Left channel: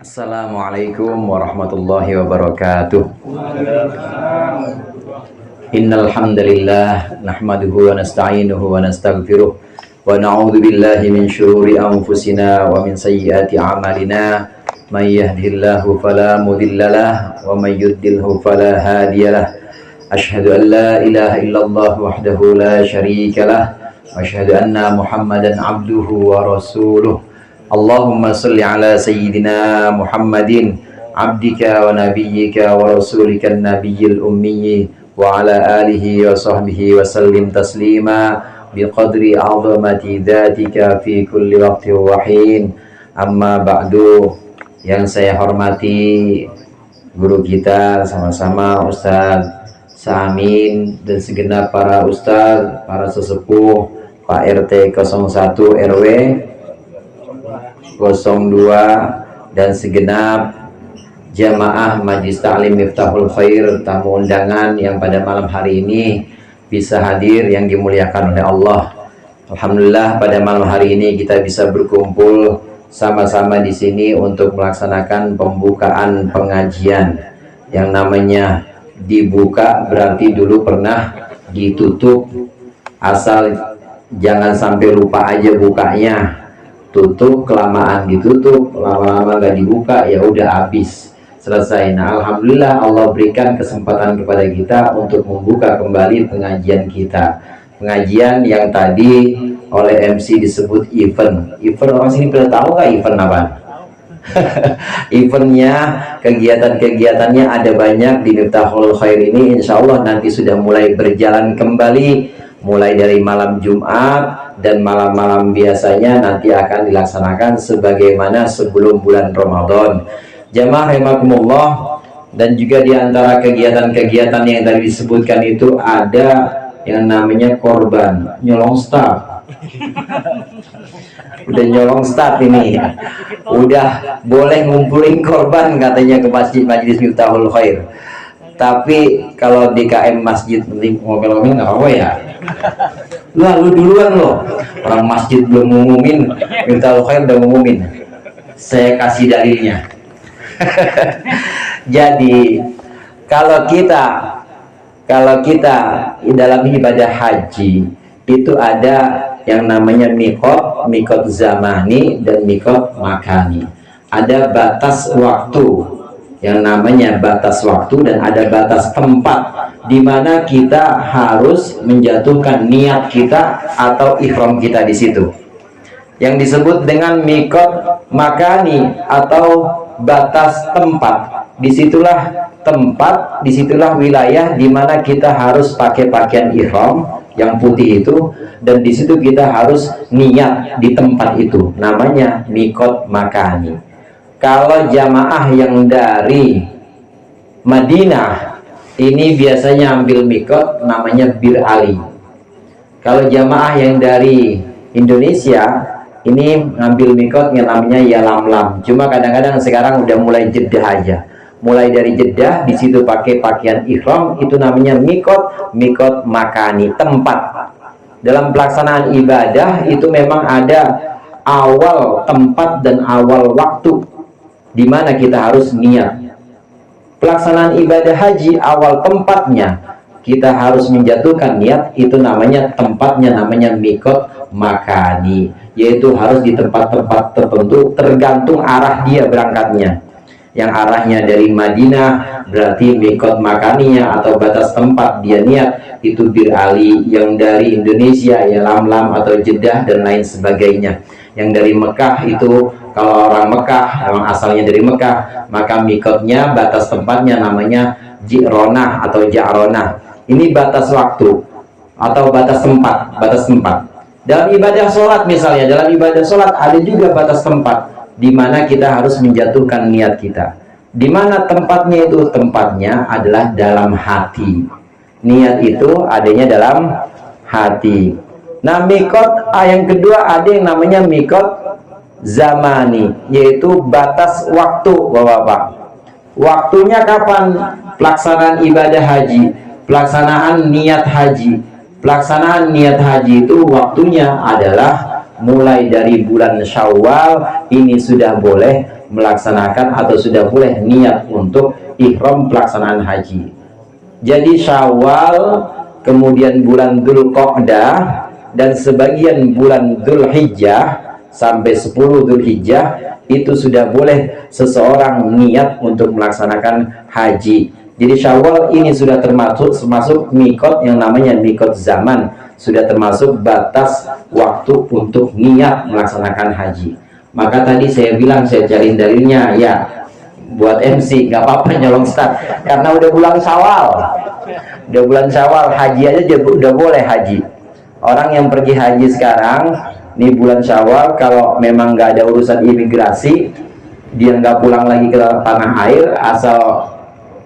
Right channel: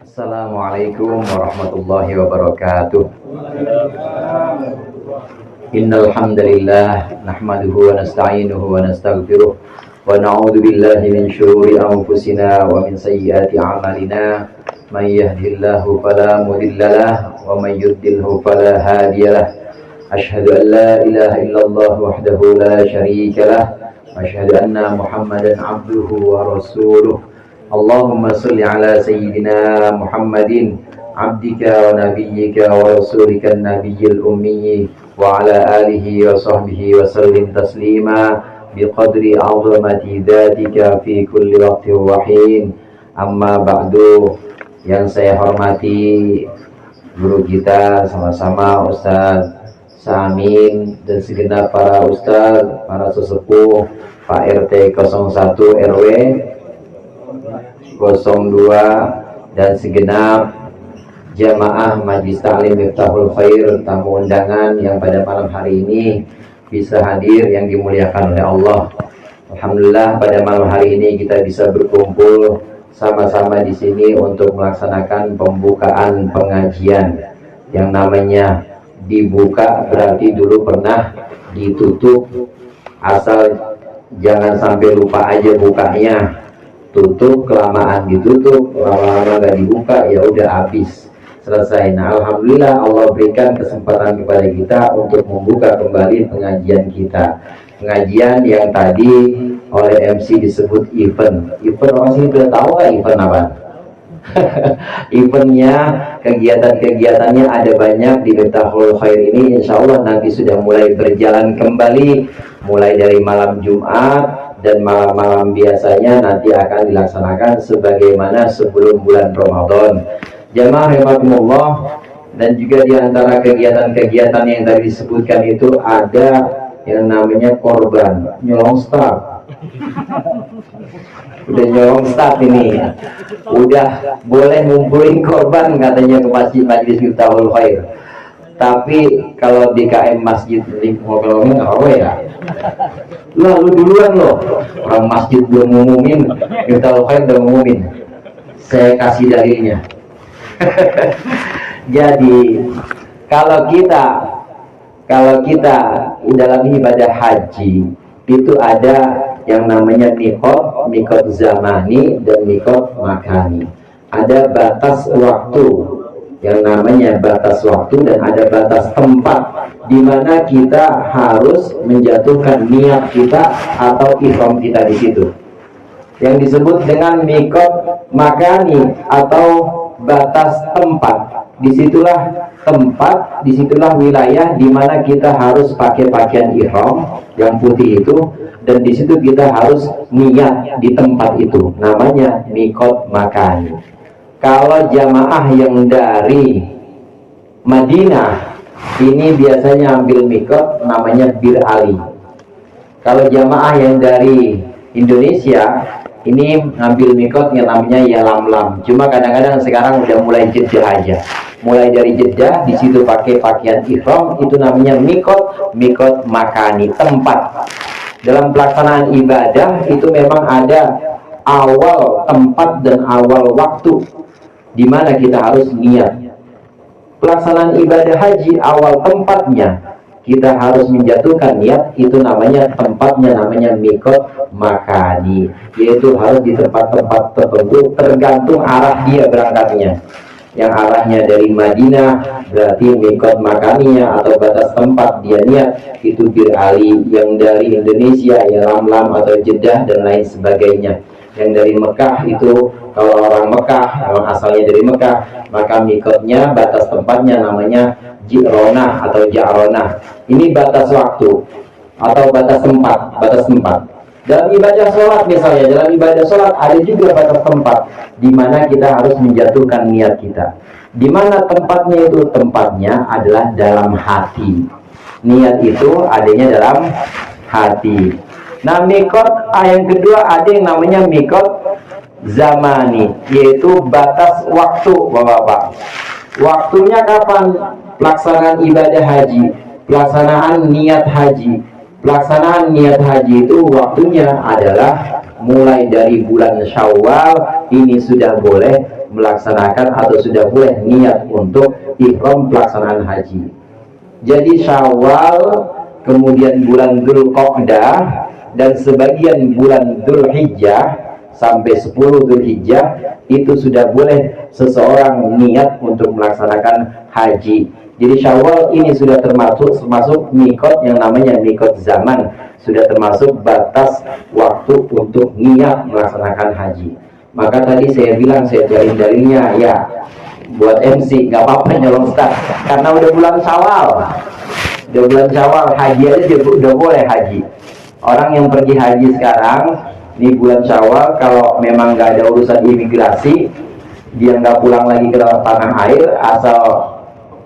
Assalamualaikum warahmatullahi wabarakatuh. Innal hamdalillah nahmaduhu wa nasta'inuhu wa nastaghfiruh wa na'udzu billahi min syururi anfusina wa min sayyiati a'malina. May yahdihillahu fala mudhillalah wa may yudlilhu fala hadiyalah. Asyhadu an la ilaha illallah wahdahu la syarikalah wa asyhadu anna Muhammadan abduhu wa rasuluh. Allahumma salli ala sayyidina Muhammadin abdika wa nabiyyika wa rasulika nabiyyil ummi wa ala alihi wa sahbihi wa sallim taslima biqadri azamati dhatika fi kulli waqti wa hin. Amma ba'du. Yang saya hormati guru kita sama-sama Ustaz Samin dan segenap para ustaz, para sesepuh, Pak RT 01 RW 02 dan segenap jamaah Majlis Ta'lim Miftahul Khair, tamu undangan yang pada malam hari ini bisa hadir yang dimuliakan oleh Allah. Alhamdulillah pada malam hari ini kita bisa berkumpul sama-sama di sini untuk melaksanakan pembukaan pengajian. Yang namanya dibuka berarti dulu pernah ditutup, asal jangan sampai lupa aja bukanya. Tutup, kelamaan ditutup, lama-lama gak dibuka, ya udah habis, selesai. Nah, alhamdulillah Allah berikan kesempatan kepada kita untuk membuka kembali pengajian kita. Pengajian yang tadi oleh MC disebut event. Event, orang sini pada tahu gak event apa? Eventnya, kegiatan-kegiatannya ada banyak di Miftahul Khair ini. Insya Allah nanti sudah mulai berjalan kembali, mulai dari malam Jumat, dan malam-malam biasanya nanti akan dilaksanakan sebagaimana sebelum bulan Ramadan. Jamaah rahimakumullah, dan juga di antara kegiatan-kegiatan yang tadi disebutkan itu ada yang namanya korban, nyolong start. Udah nyolong start ini. Udah boleh ngumpulin korban katanya ke masjid Majlis Miftahul Khair. Tapi kalau di KM masjid ngomong nggak apa ya. Lu duluan loh, orang masjid belum ngumumin, Miftahul Khair udah ngumumin. Saya kasih dalilnya. Jadi kalau kita dalam ibadah haji itu ada yang namanya mikot zamani dan mikot makani. Ada batas waktu, yang namanya batas waktu, dan ada batas tempat di mana kita harus menjatuhkan niat kita atau ihram kita di situ. Yang disebut dengan mikot makani atau batas tempat. Disitulah tempat, disitulah wilayah di mana kita harus pakai pakaian ihram yang putih itu, dan di situ kita harus niat di tempat itu. Namanya mikot makani. Kalau jamaah yang dari Madinah ini biasanya ambil mikot namanya Bir Ali. Kalau jamaah yang dari Indonesia ini ngambil mikot yang namanya Yalamlam. Cuma kadang-kadang sekarang udah mulai Jeddah aja. Mulai dari Jeddah di situ pakai pakaian ihram, itu namanya mikot makani, tempat. Dalam pelaksanaan ibadah itu memang ada awal tempat dan awal waktu di mana kita harus niat. Pelaksanaan ibadah haji awal tempatnya kita harus menjatuhkan niat, itu namanya tempatnya namanya mikot makani, yaitu harus di tempat-tempat tertentu tergantung arah dia berangkatnya. Yang arahnya dari Madinah berarti mikot makaninya atau batas tempat dia niat itu Bir Ali. Yang dari Indonesia ya Lamlam atau Jeddah dan lain sebagainya. Yang dari Mekah itu, kalau orang Mekah yang asalnya dari Mekah, maka mikotnya batas tempatnya namanya Ji'ronah atau Ja'ronah. Ini batas waktu atau batas tempat, Dalam ibadah sholat misalnya, dalam ibadah sholat ada juga batas tempat di mana kita harus menjatuhkan niat kita. Di mana tempatnya itu? Tempatnya adalah dalam hati. Niat itu adanya dalam hati. Nah, mikot yang kedua ada yang namanya mikot zamani, yaitu batas waktu, Bapak-bapak. Waktunya kapan pelaksanaan ibadah haji, pelaksanaan niat haji? Pelaksanaan niat haji itu waktunya adalah mulai dari bulan Syawal. Ini sudah boleh melaksanakan atau sudah boleh niat untuk ihram pelaksanaan haji. Jadi Syawal, kemudian bulan Dzulqa'dah, dan sebagian bulan Dzulhijjah sampai 10 Dzulhijjah itu sudah boleh seseorang niat untuk melaksanakan haji. Jadi Syawal ini sudah termasuk mikot yang namanya mikot zaman, sudah termasuk batas waktu untuk niat melaksanakan haji. Maka tadi saya bilang saya cari dalilnya ya, buat MC nggak apa-apa nyolong start karena udah bulan Syawal. Udah bulan Syawal, haji aja udah boleh haji. Orang yang pergi haji sekarang di bulan Syawal, kalau memang nggak ada urusan imigrasi, dia nggak pulang lagi ke tanah air, asal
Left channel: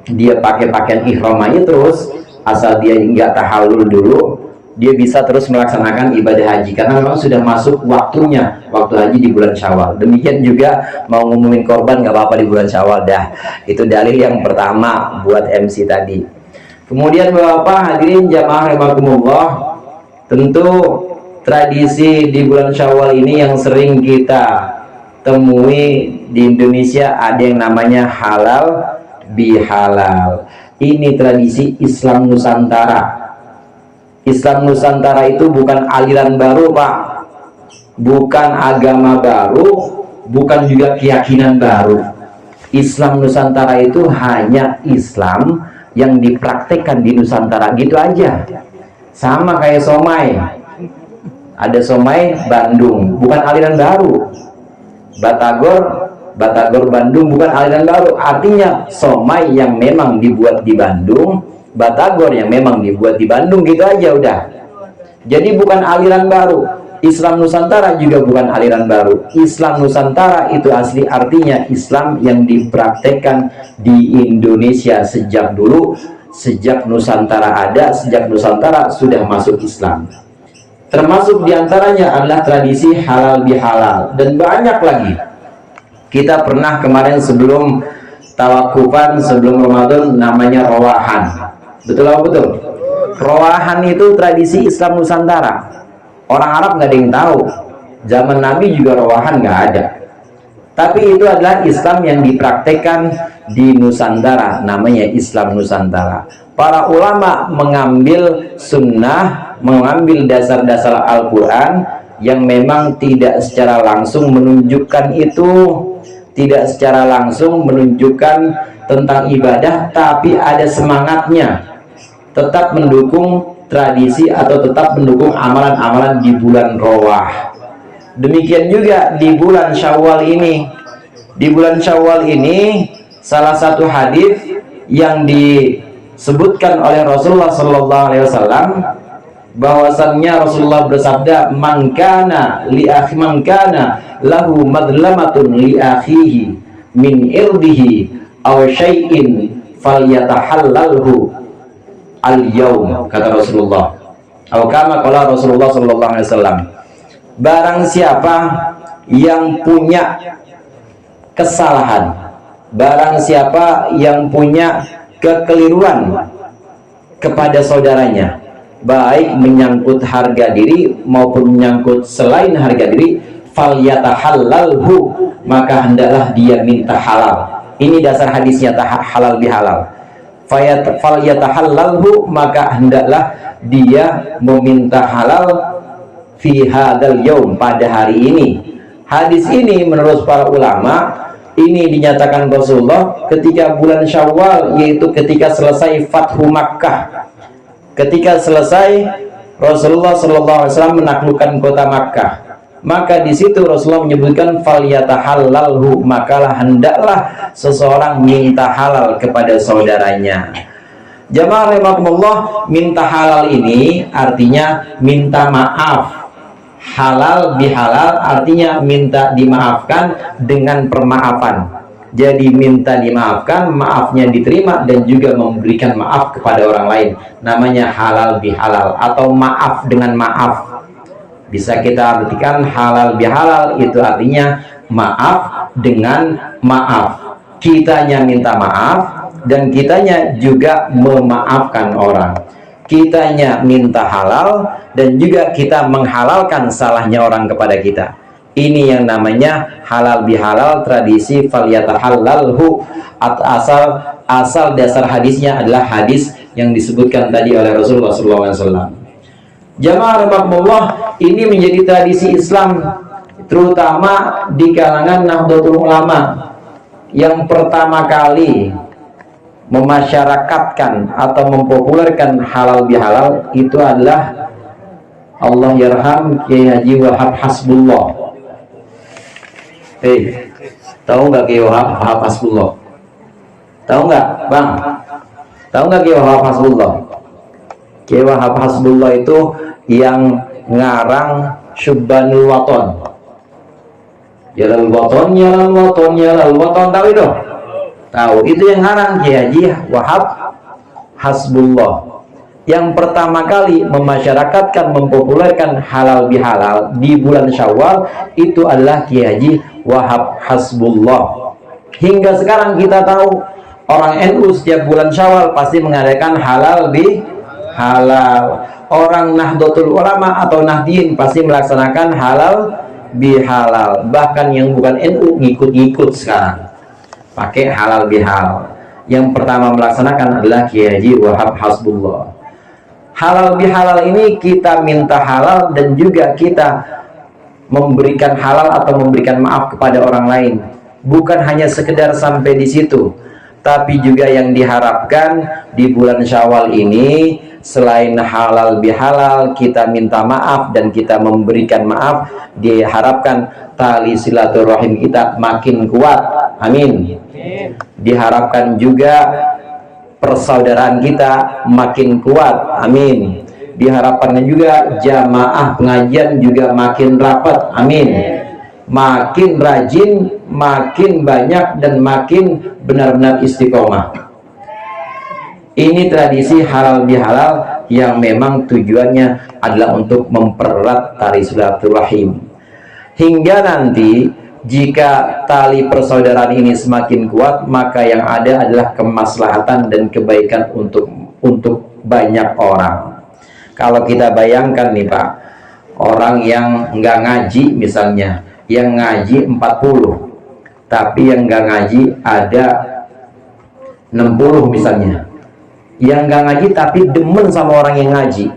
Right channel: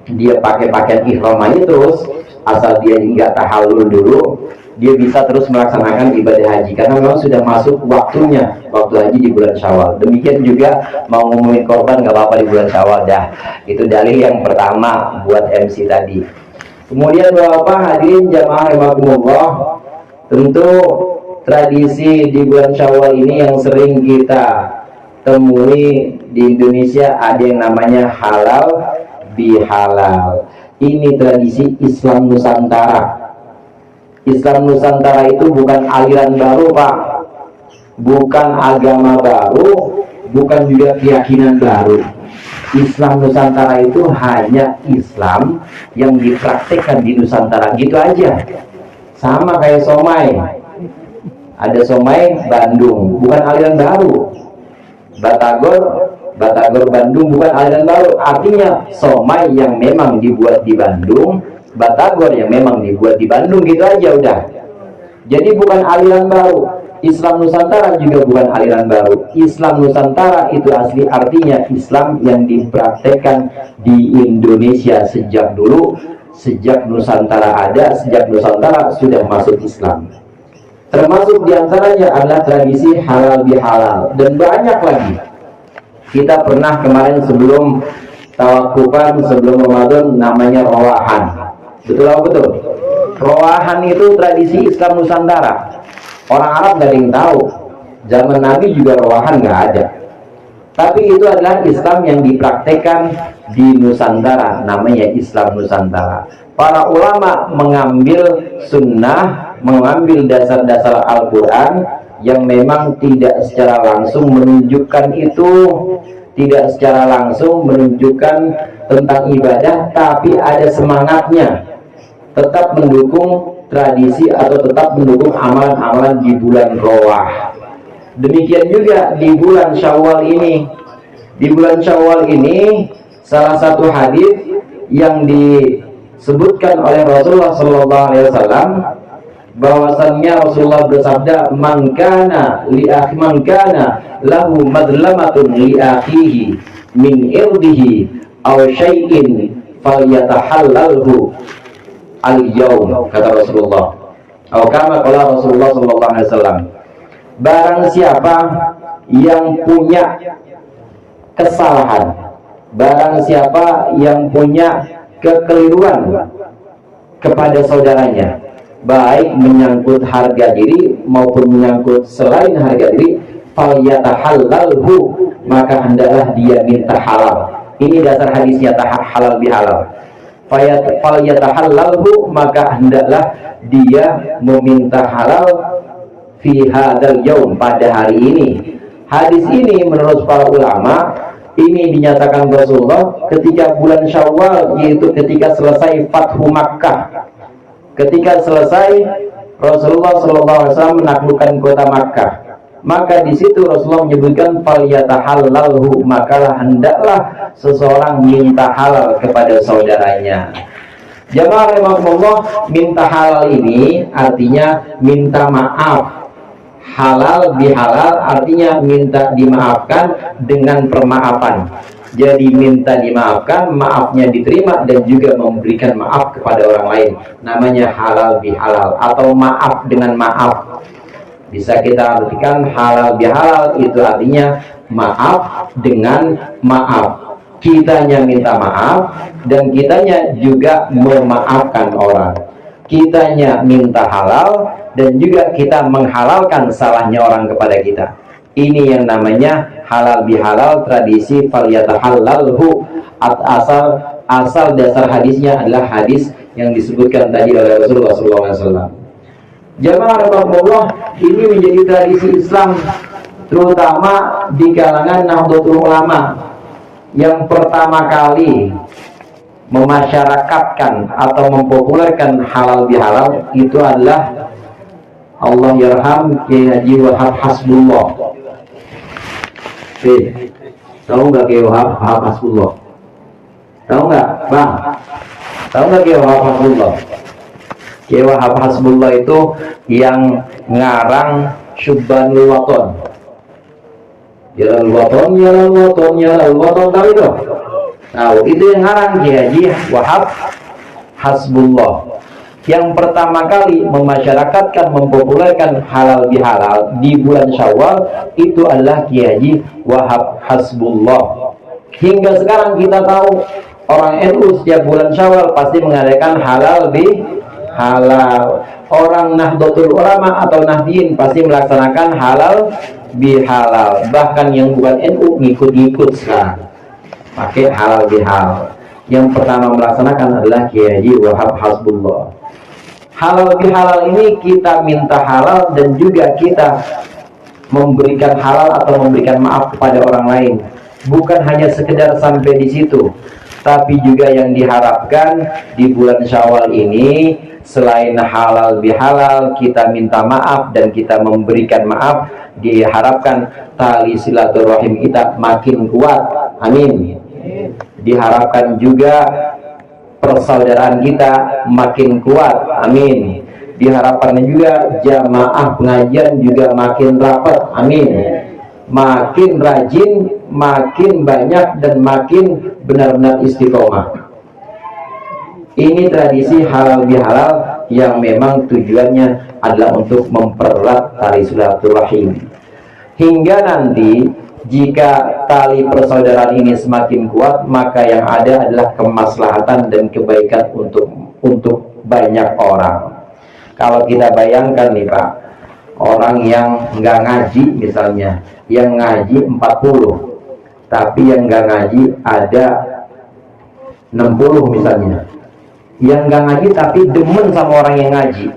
dia pakai pakaian ihram aja terus, asal dia nggak tahallul dulu, dia bisa terus melaksanakan ibadah haji karena memang sudah masuk waktunya, waktu haji di bulan Syawal. Demikian juga mau ngomongin korban nggak apa-apa di bulan Syawal dah. Itu dalil yang pertama buat MC tadi. Kemudian Bapak hadirin jamaah rahimakumullah, tentu tradisi di bulan Syawal ini yang sering kita temui di Indonesia ada yang namanya halal bihalal. Ini tradisi Islam Nusantara. Islam Nusantara itu bukan aliran baru, Pak, bukan agama baru, bukan juga keyakinan baru. Islam Nusantara itu hanya Islam yang dipraktekkan di Nusantara, gitu aja. Sama kayak somai, ada somai Bandung, bukan aliran baru. Batagor Bandung bukan aliran baru, artinya somai yang memang dibuat di Bandung, batagor yang memang dibuat di Bandung, gitu aja udah. Jadi bukan aliran baru. Islam Nusantara juga bukan aliran baru. Islam Nusantara itu asli artinya Islam yang dipraktekkan di Indonesia sejak dulu, sejak Nusantara ada, sejak Nusantara sudah masuk Islam. Termasuk diantaranya adalah tradisi halal bihalal, dan banyak lagi. Kita pernah kemarin sebelum tawakufan, sebelum Ramadan, namanya rawahan. Betul apa betul? Rawahan itu tradisi Islam Nusantara. Orang Arab nggak ada yang tahu. Zaman Nabi juga rawahan nggak ada. Tapi itu adalah Islam yang dipraktekkan di Nusantara, namanya Islam Nusantara. Para ulama mengambil sunnah, mengambil dasar-dasar Al-Quran yang memang tidak secara langsung menunjukkan itu, tidak secara langsung menunjukkan tentang ibadah, tapi ada semangatnya, tetap mendukung tradisi atau tetap mendukung amalan-amalan di bulan Rawah. Demikian juga di bulan Syawal ini. Di bulan Syawal ini salah satu hadis yang disebutkan oleh Rasulullah SAW, bahwasannya Rasulullah bersabda, man kana lahu madlamatun li akhihi min irdihi aw syai'in falyatahallalhu al-yaum, kata Rasulullah. Atau kama qala Rasulullah SAW, barang siapa yang punya kesalahan, barang siapa yang punya kekeliruan kepada saudaranya, baik menyangkut harga diri maupun menyangkut selain harga diri, falyatahallalhu, maka hendaklah dia minta halal. Ini dasar hadisnya, halal bihalal. Falyatahallalhu, maka hendaklah dia meminta halal fi hadzal yaum, pada hari ini. Hadis ini menurut para ulama ini dinyatakan Rasulullah ketika bulan Syawal, yaitu ketika selesai Fathu Makkah. Ketika selesai Rasulullah SAW menaklukkan kota Makkah, maka di situ Rasulullah menyebutkan falyatahallalhu, makalah hendaklah seseorang minta halal kepada saudaranya. Jamaah rahimakumullah, minta halal ini artinya minta maaf. Halal bihalal artinya minta dimaafkan dengan permaafan. Jadi minta dimaafkan, maafnya diterima, dan juga memberikan maaf kepada orang lain. Namanya halal bihalal atau maaf dengan maaf. Bisa kita artikan halal bihalal itu artinya maaf dengan maaf. Kitanya minta maaf dan kitanya juga memaafkan orang. Kitanya minta halal dan juga kita menghalalkan salahnya orang kepada kita. Ini yang namanya halal bihalal, tradisi falyatahallalhu. Asal dasar hadisnya adalah hadis yang disebutkan tadi oleh Rasulullah SAW. Jamaah rahmatullah, ini menjadi tradisi Islam terutama di kalangan Nahdlatul Ulama yang pertama kali memasyarakatkan atau mempopulerkan halal bihalal itu adalah Allah yarham Kiai Haji Wahab Hasbullah. Tahu nggak Kiai Wahab Hasbullah? Tahu nggak, Bang? Tahu nggak Kiai Wahab Hasbullah? Kiai Wahab Hasbullah itu yang ngarang Syubbanul Waton. Jalan Waton, tahu itu? Tahu, itu yang ngarang Kiai Haji Wahab Hasbullah. Yang pertama kali memasyarakatkan, mempopulerkan halal bihalal di bulan Syawal itu adalah Kiai Haji Wahab Hasbullah. Hingga sekarang kita tahu orang NU setiap bulan Syawal pasti mengadakan halal bihalal. Orang Nahdlatul Ulama atau Nahdien pasti melaksanakan halal bihalal. Bahkan yang bukan NU ngikut-ngikut sekarang pakai halal bihalal. Yang pertama melaksanakan adalah Kiai Haji Wahab Hasbullah. Halal bihalal ini kita minta halal dan juga kita memberikan halal atau memberikan maaf kepada orang lain. Bukan hanya sekedar sampai di situ, tapi juga yang diharapkan di bulan Syawal ini selain halal bihalal kita minta maaf dan kita memberikan maaf, diharapkan tali silaturahim kita makin kuat. Amin. Diharapkan juga persaudaraan kita makin kuat. Amin. Diharapkan juga jamaah pengajian juga makin rapat. Amin. Makin rajin, makin banyak, dan makin benar-benar istiqomah. Ini tradisi halal bihalal yang memang tujuannya adalah untuk mempererat tali silaturahim. Hingga nanti jika tali persaudaraan ini semakin kuat, maka yang ada adalah kemaslahatan dan kebaikan untuk banyak orang. Kalau kita bayangkan nih Pak, orang yang nggak ngaji misalnya, yang ngaji 40, tapi yang nggak ngaji ada 60 misalnya. Yang nggak ngaji tapi demen sama orang yang ngaji.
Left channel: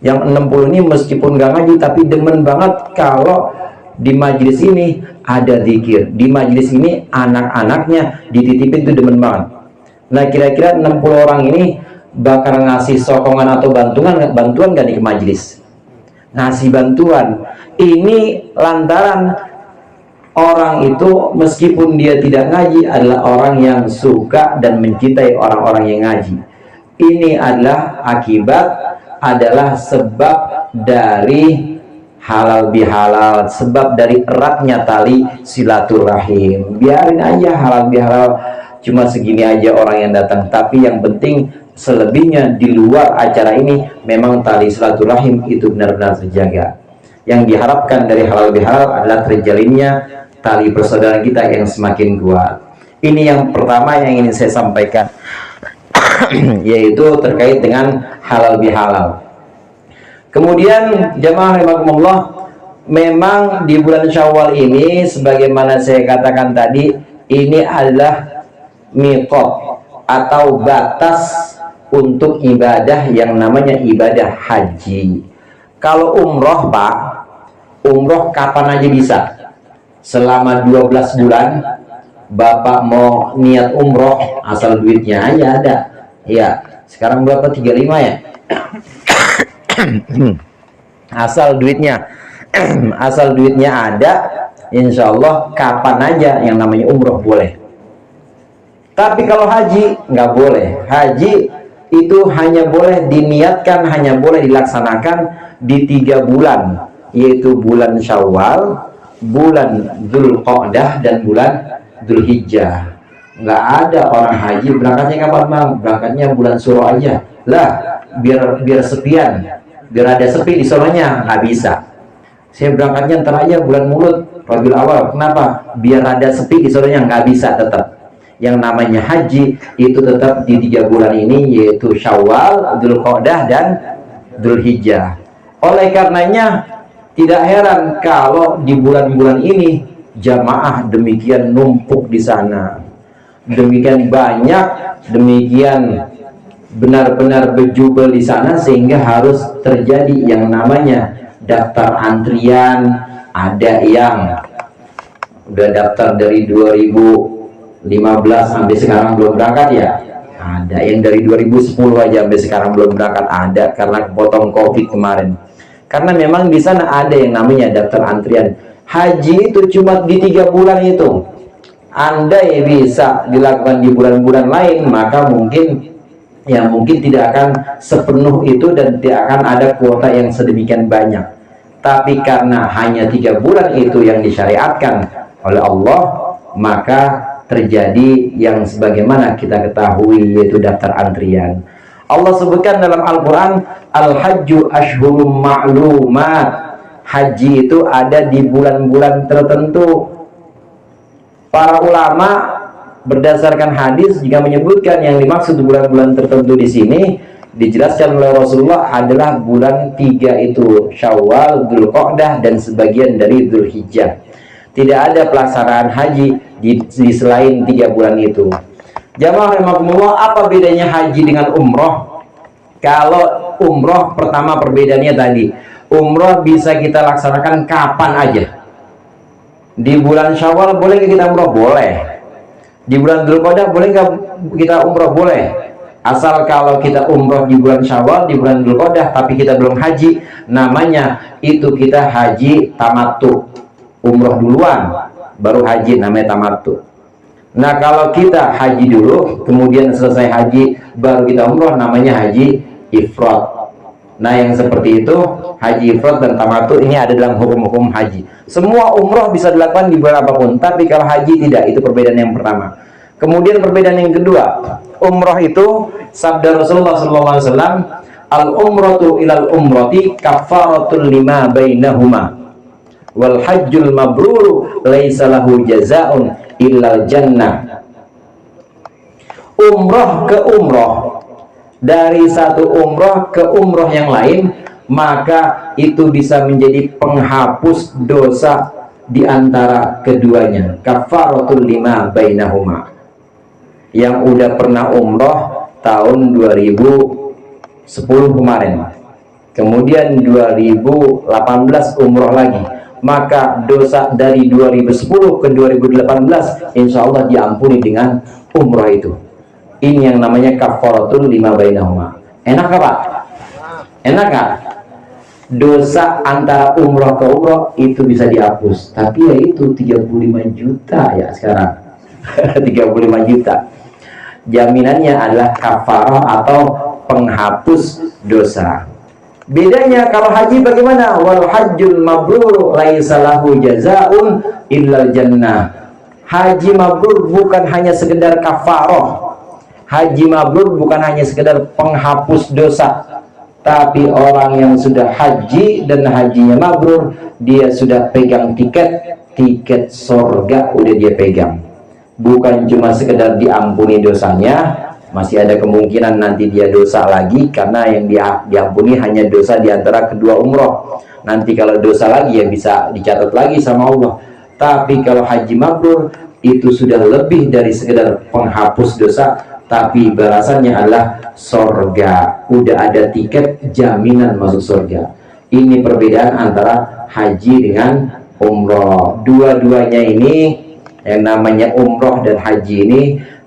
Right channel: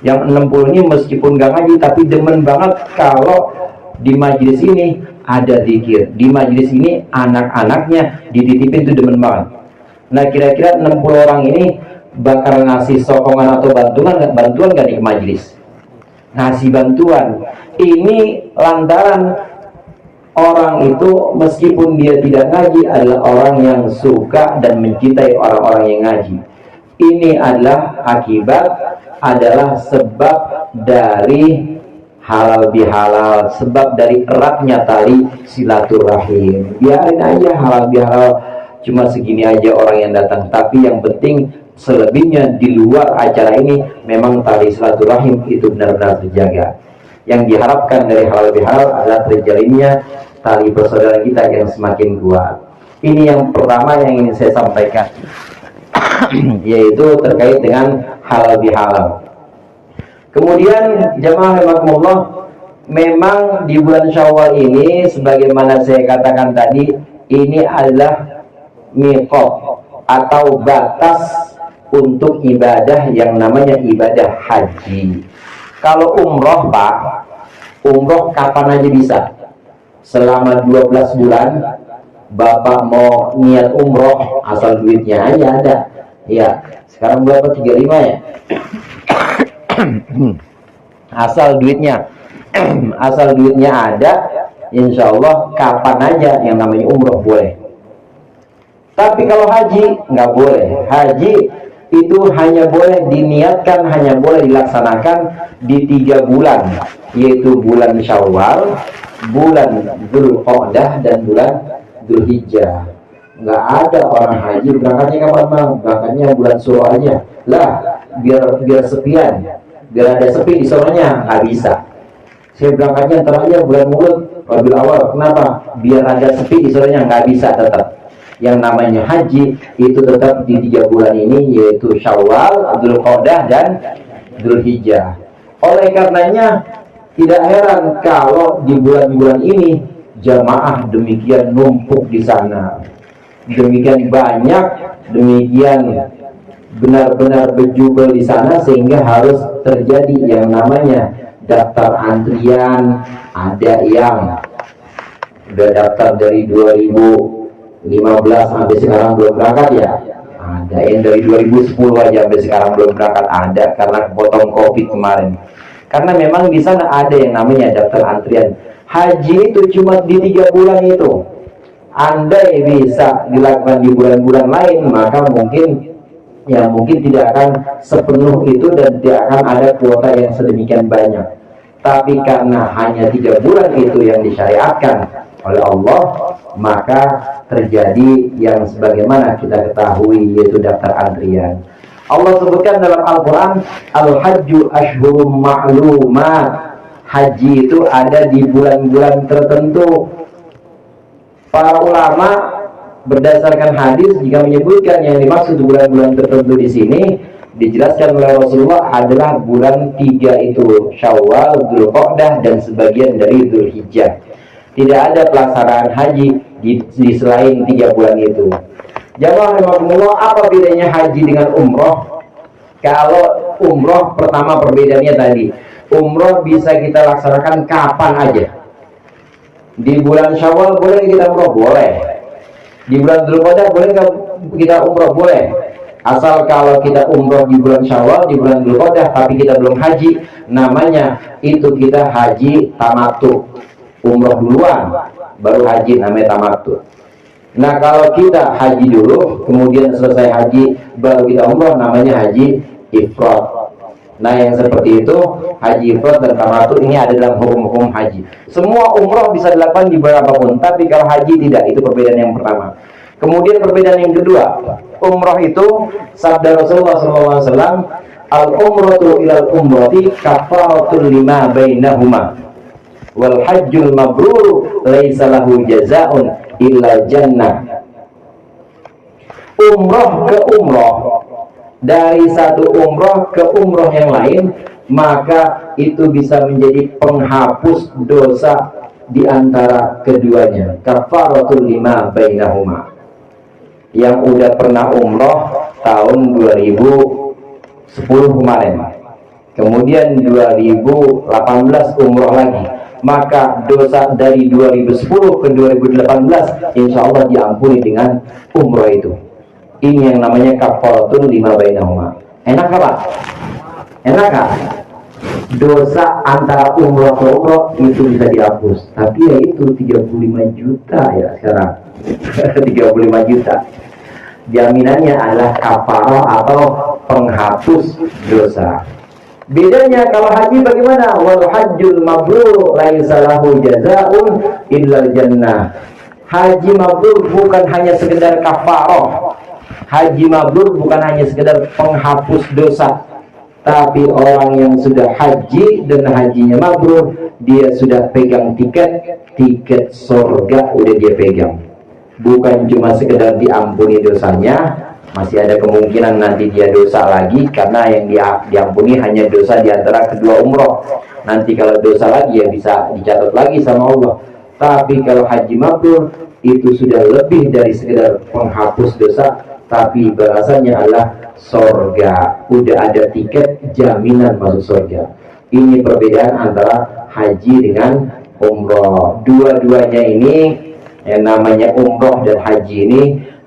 Yang 60 ini meskipun nggak ngaji tapi demen banget kalau di majelis ini ada zikir, di majelis ini anak-anaknya dititipin tuh demen banget. Nah kira-kira 60 orang ini bakal ngasih sokongan atau bantuan gak di majelis? Ngasih bantuan. Ini lantaran orang itu meskipun dia tidak ngaji adalah orang yang suka dan mencintai orang-orang yang ngaji. Ini adalah akibat, adalah sebab dari halal bihalal, sebab dari eratnya tali silaturahim. Biarin aja halal bihalal cuma segini aja orang yang datang, tapi yang penting selebihnya di luar acara ini memang tali silaturahim itu benar-benar terjaga. Yang diharapkan dari halal bihalal adalah terjalinnya tali persaudaraan kita yang semakin kuat. Ini yang pertama yang ingin saya sampaikan yaitu terkait dengan halal bihalal. Kemudian jamaah rahimakumullah, memang di bulan Syawal ini sebagaimana saya katakan tadi, ini adalah miqat atau batas untuk ibadah yang namanya ibadah haji. Kalau umroh Pak, umroh kapan aja bisa. Selama 12 bulan Bapak mau niat umroh asal duitnya aja ada. Ya, sekarang berapa? 35 ya? asal duitnya ada, insya Allah kapan aja yang namanya umroh boleh. Tapi kalau haji nggak boleh. Haji itu hanya boleh diniatkan, hanya boleh dilaksanakan di 3 bulan, yaitu bulan Syawal, bulan Dzulqa'dah, dan bulan Dzulhijjah. Nggak ada orang haji berangkatnya kapan bang? Berangkatnya bulan Suro aja lah, biar sepian, biar ada sepi di soronya. Nggak bisa. Saya berangkatnya ntar aja bulan Mulut, Rabiul Awal. Kenapa? Biar ada sepi di soronya. Nggak bisa. Tetap yang namanya haji itu tetap di 3 bulan ini, yaitu Syawal, Dzulqa'dah dan Dzulhijjah. Oleh karenanya tidak heran kalau di bulan-bulan ini jamaah demikian numpuk di sana, demikian banyak, demikian benar-benar berjubel di sana, sehingga harus terjadi yang namanya daftar antrian. Ada yang udah daftar dari 2015 sampai sekarang belum berangkat ya. Ada yang dari 2010 aja sampai sekarang belum berangkat. Ada karena potong COVID kemarin. Karena memang di sana ada yang namanya daftar antrian. Haji itu cuma di 3 bulan itu. Andai bisa dilakukan di bulan-bulan lain, maka mungkin tidak akan sepenuh itu dan tidak akan ada kuota yang sedemikian banyak. Tapi karena hanya 3 bulan itu yang disyariatkan oleh Allah, maka terjadi yang sebagaimana kita ketahui, yaitu daftar antrian. Allah sebutkan dalam Al-Quran, Al-Hajju Ashhurum Ma'lumat. Haji itu ada di bulan-bulan tertentu. Para ulama berdasarkan hadis jika menyebutkan yang dimaksud bulan-bulan tertentu di sini, dijelaskan oleh Rasulullah adalah bulan 3 itu, Syawal, Dzulqa'dah dan sebagian dari Dzulhijjah. Tidak ada pelaksanaan haji di selain 3 bulan itu. Jamaah rahimakumullah, apa bedanya haji dengan umroh? Kalau umroh, pertama perbedaannya tadi, umroh bisa kita laksanakan kapan aja. Di bulan Syawal boleh kita umroh? Boleh. Di bulan Dzulqa'dah boleh nggak kita umroh? Boleh. Asal kalau kita umroh di bulan Syawal, di bulan Dzulqa'dah, tapi kita belum haji, namanya itu kita haji tamattu. Umroh duluan, baru haji, namanya tamattu. Nah, kalau kita haji dulu, kemudian selesai haji, baru kita umroh, namanya haji ifrad. Nah, yang seperti itu, haji ifrad dan tamattu ini ada dalam hukum-hukum haji. Semua umroh bisa dilakukan di bulan apapun, tapi kalau haji tidak. Itu perbedaan yang pertama. Kemudian perbedaan yang kedua, umroh itu sabda Rasulullah SAW, al-umratu ilal umrati kafaratul lima bainahuma wal hajjul mabrur laisa lahu jazaa'un illal jannah. Umroh ke umroh, dari satu umroh ke umroh yang lain, maka itu bisa menjadi penghapus dosa di antara keduanya. Kafaratul lima bainahuma. Yang udah pernah umroh tahun 2010 kemarin, kemudian 2018 umroh lagi, maka dosa dari 2010 ke 2018 insya Allah diampuni dengan umroh itu. Ini yang namanya kafaratul lima bainahuma. Enak apa? Enak kan? Dosa antara umroh ke umroh itu bisa dihapus. Tapi ya itu 35 juta ya sekarang. 35 juta. Jaminannya adalah kafarah atau penghapus dosa. Bedanya kalau haji bagaimana? Wal hajjul mabrur laisa lahu jazaa'un illal jannah. Haji mabrur bukan hanya sekedar kafarah. Haji mabrur bukan hanya sekedar penghapus dosa, tapi orang yang sudah haji dan hajinya mabrur, dia sudah pegang tiket surga udah dia pegang. Bukan cuma sekedar diampuni dosanya, masih ada kemungkinan nanti dia dosa lagi, karena yang diampuni hanya dosa di antara kedua umroh. Nanti kalau dosa lagi ya bisa dicatat lagi sama Allah. Tapi kalau haji mabrur itu sudah lebih dari sekedar penghapus dosa, tapi balasannya adalah surga. Udah ada tiket jaminan masuk surga. Ini perbedaan antara haji dengan umroh. Dua-duanya ini, yang namanya umroh dan haji ini,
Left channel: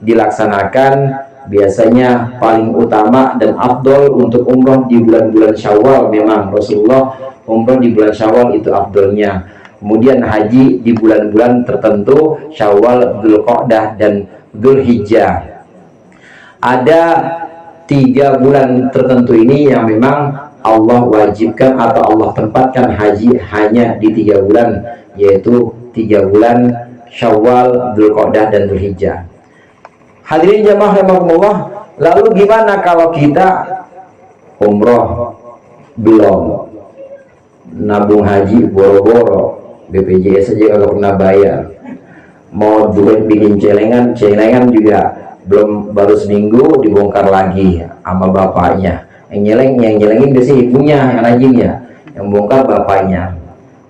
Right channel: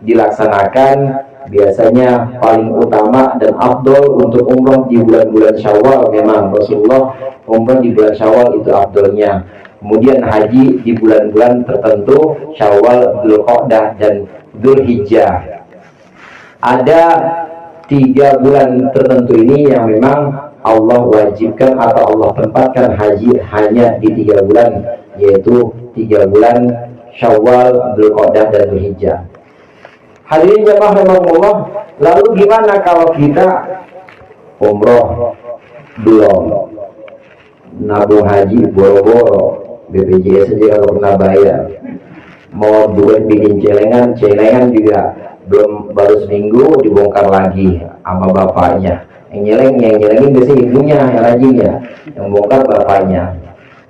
dilaksanakan biasanya paling utama dan afdol untuk umroh di bulan-bulan Syawal. Memang Rasulullah umroh di bulan Syawal itu afdolnya. Kemudian haji di bulan-bulan tertentu, Syawal, Dzulqa'dah dan Dzulhijjah. Ada 3 bulan tertentu ini yang memang Allah wajibkan atau Allah tempatkan haji hanya di 3 bulan, yaitu 3 bulan Syawal, Dzulqa'dah dan Dzulhijjah. Hadirin jamaah rahimakumullah, lalu gimana kalau kita umroh belum, nabung haji boro-boro, BPJS saja kalau pernah bayar, mau buat bikin celengan juga belum, baru seminggu dibongkar lagi sama bapaknya. Yang nyelengin biasanya ibunya, yang rajinnya, yang bongkar bapaknya.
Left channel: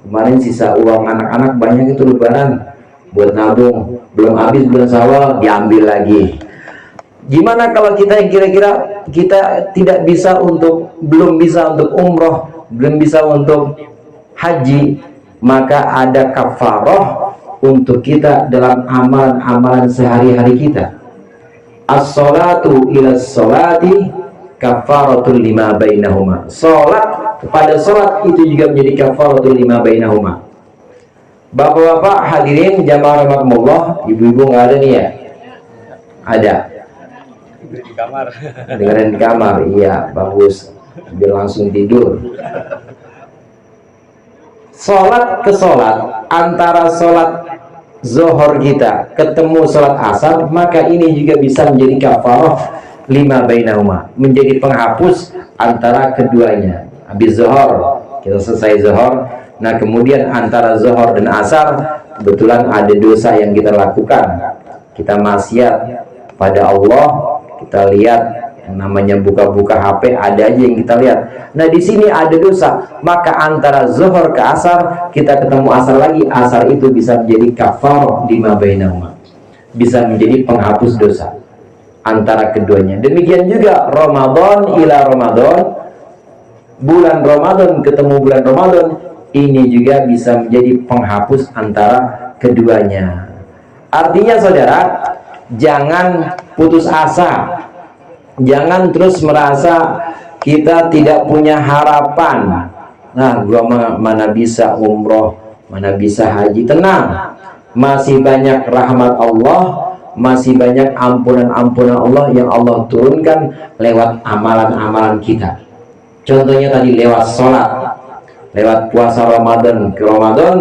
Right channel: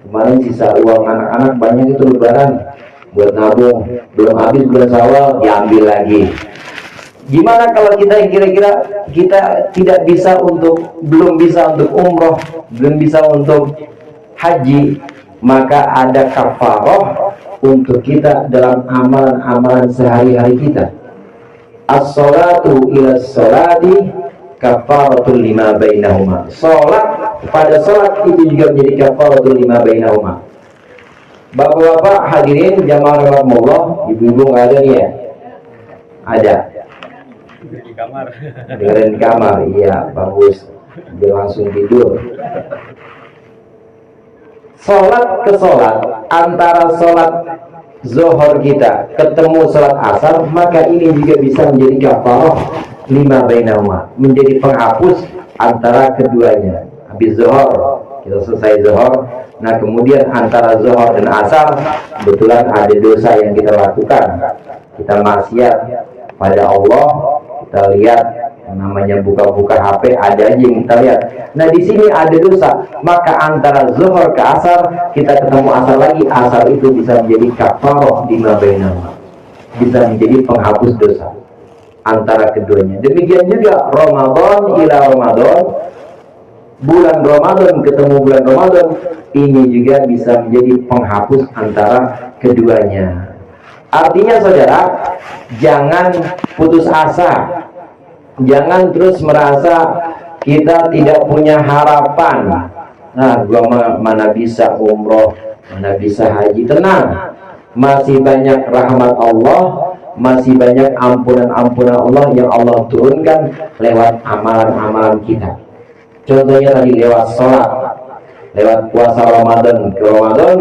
Kemarin sisa uang anak-anak banyak itu lebaran buat nabung, belum habis bulan Syawal diambil lagi. Gimana kalau kita kira-kira kita tidak bisa belum bisa untuk umroh, belum bisa untuk haji, maka ada kafarah untuk kita dalam amalan-amalan sehari-hari kita. As-salatu ila salati kafaratul lima bainahuma. Salat kepada salat itu juga menjadi kafaratul lima bainahuma. Bapak-bapak hadirin jamaah rahimakumullah, ibu-ibu nggak ada nih ya? Ada. Di kamar. Dengerin di kamar, iya bagus. Biar langsung tidur. Salat ke salat, antara salat zuhur kita ketemu salat asar, maka ini juga bisa menjadi kafarah lima bainahuma, menjadi penghapus antara keduanya. Habis zuhur, kita selesai zuhur, nah kemudian antara zuhur dan asar kebetulan ada dosa yang kita lakukan, kita maksiat pada Allah, kita lihat namanya buka-buka HP, ada aja yang kita lihat. Nah di sini ada dosa, maka antara zuhur ke asar kita ketemu asar lagi, asar itu bisa menjadi kafarah lima bainahuma, bisa menjadi penghapus dosa antara keduanya. Demikian juga Ramadan ila Ramadan, bulan Ramadan ketemu bulan Ramadan, ini juga bisa menjadi penghapus antara keduanya. Artinya saudara, jangan putus asa, jangan terus merasa kita tidak punya harapan. Nah, gua mana bisa umroh, mana bisa haji. Tenang, masih banyak rahmat Allah, masih banyak ampunan-ampunan Allah yang Allah turunkan lewat amalan-amalan kita. Contohnya tadi lewat sholat, lewat puasa Ramadan ke Ramadan,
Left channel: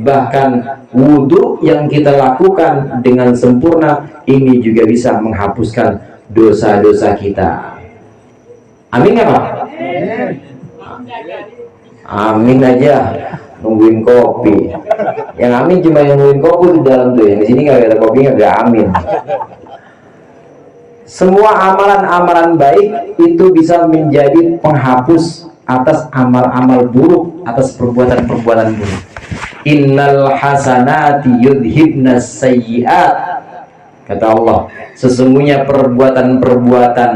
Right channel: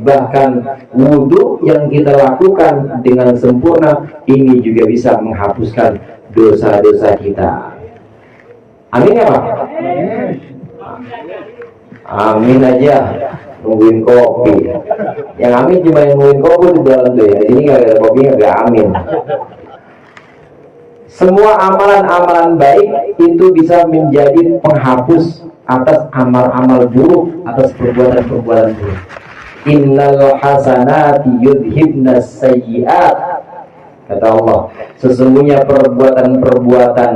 bahkan wudhu yang kita lakukan dengan sempurna, ini juga bisa menghapuskan dosa-dosa kita. Amin ya Pak? Amin aja, nungguin kopi. Yang amin cuma yang nungguin kopi di dalam tuh, yang di sini nggak ada kopi, nggak amin. Semua amalan-amalan baik itu bisa menjadi penghapus atas amal-amal buruk, atas perbuatan-perbuatan buruk. Innal hasanati yudhibnas sayyiat, kata Allah, sesungguhnya perbuatan-perbuatan